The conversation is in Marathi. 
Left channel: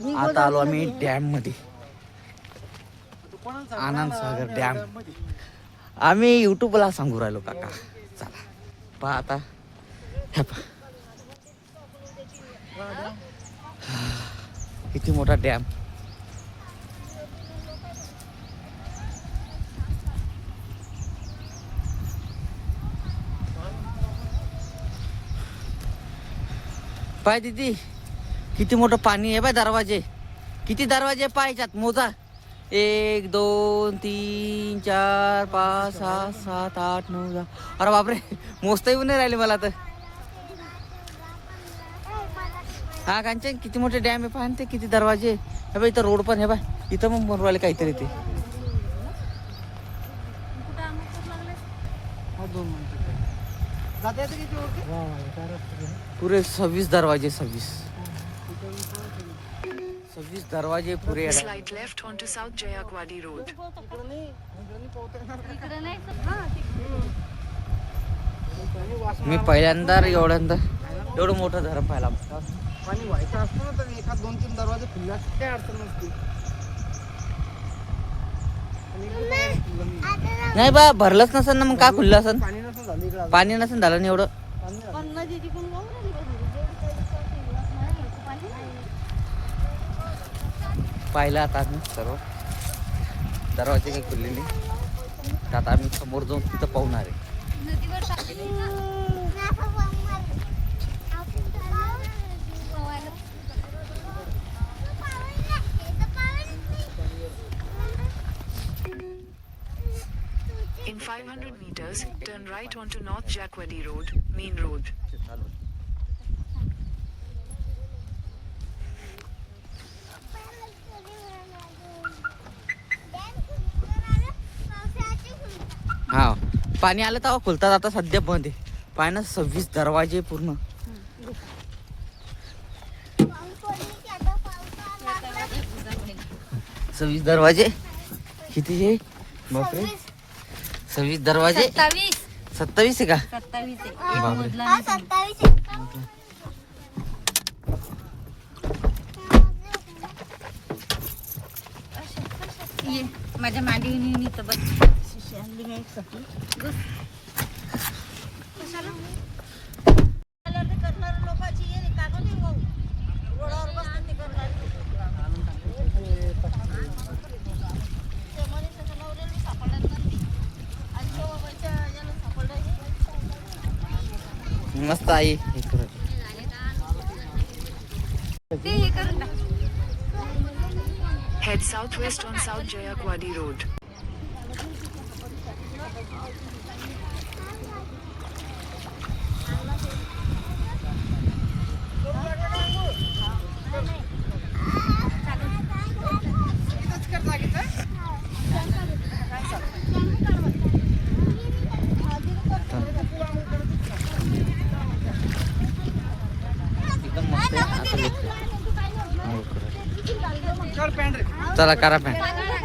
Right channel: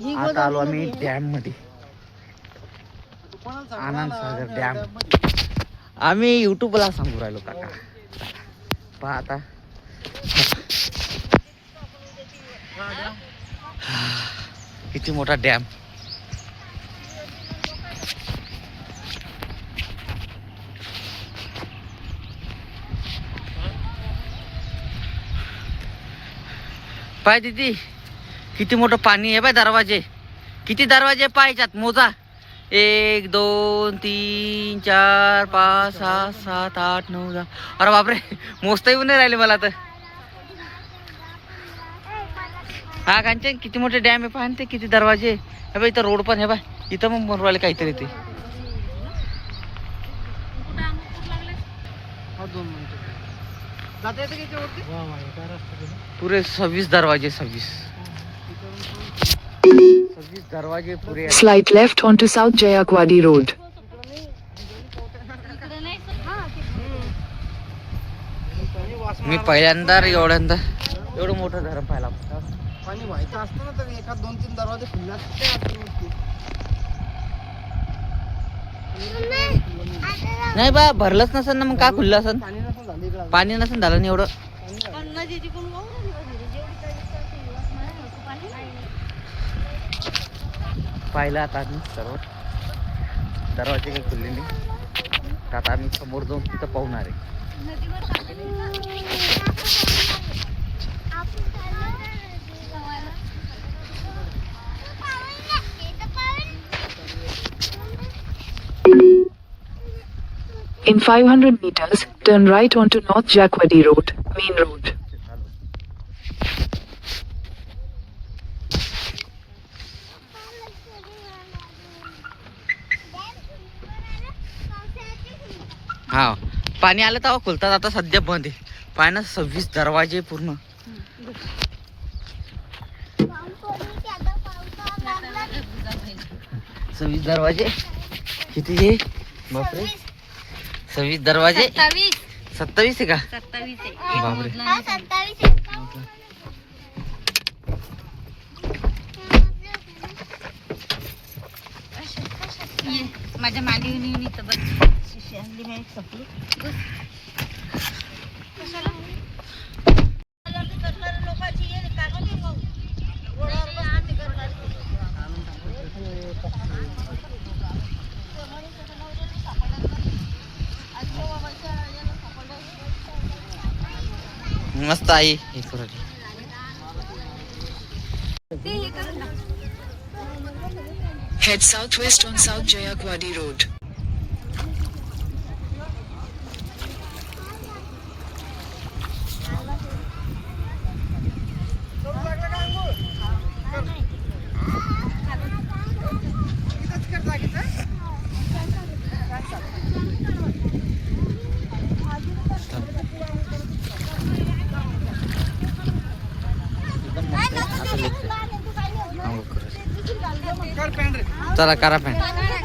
आता आलो आम्ही डॅम मध्ये, आनंद सागर डॅम. आम्ही युट्यूबला सांगू राहिलो काका. चला पहा आता. किती मोठा डॅम. पाय दीदी किती मोठं पाणी आहे. बाय दरवाजे किती दरवाजे पाहायच्यात मोजा. 1 2 3 4 5 6 7 8 9 10. अरे बापरे मोजता येऊन नाही राहिले मला तर. हा कांचन किती मोठे डॅम आहे पाहा ते, किती दरवाजे. हे बाई इथं रोड पण आहे. बाय इथं मग बनवू राहिले काहीतरी ते. पुरे 26 दरवाजे. 26 दरवाजे पुरे. Slight left onto South Jayakwadi Road. मी पहिल्यांदा एवढं मोठं धरण पाहिला. पाणी व्हायचं असतं ना तर एका 2-3 दरवाजे खुले असते. नाही बा भरलंच नसेल ना मग काय खुल्लं असेल. पाणी नसतं झालं. पाणी नसेल झालं नाही एवढं. पाहिलं आता आम्ही सर्व दरवाजे काही खुलले नाही. तर आता आम्ही समोर जाऊन तिथं पाहणार आहे. In 500 meters, turn right onto North Jayakwadi Road, main road. हा पाणी आलं तेव्हा खुलतात. आता सध्या बंद आहे. पाय ना 26 दरवाजे पूर्ण. सव्वीस दरवाजे किती आहे बापरे. 26 दरवाजे. 27 आहे का. 27 बापरे. माझ्या मागे येऊन इथं बस. मस्त आई. Head southwest on South Jayakwadi Road. एकदम मस्त. चला करा पॅन्ट.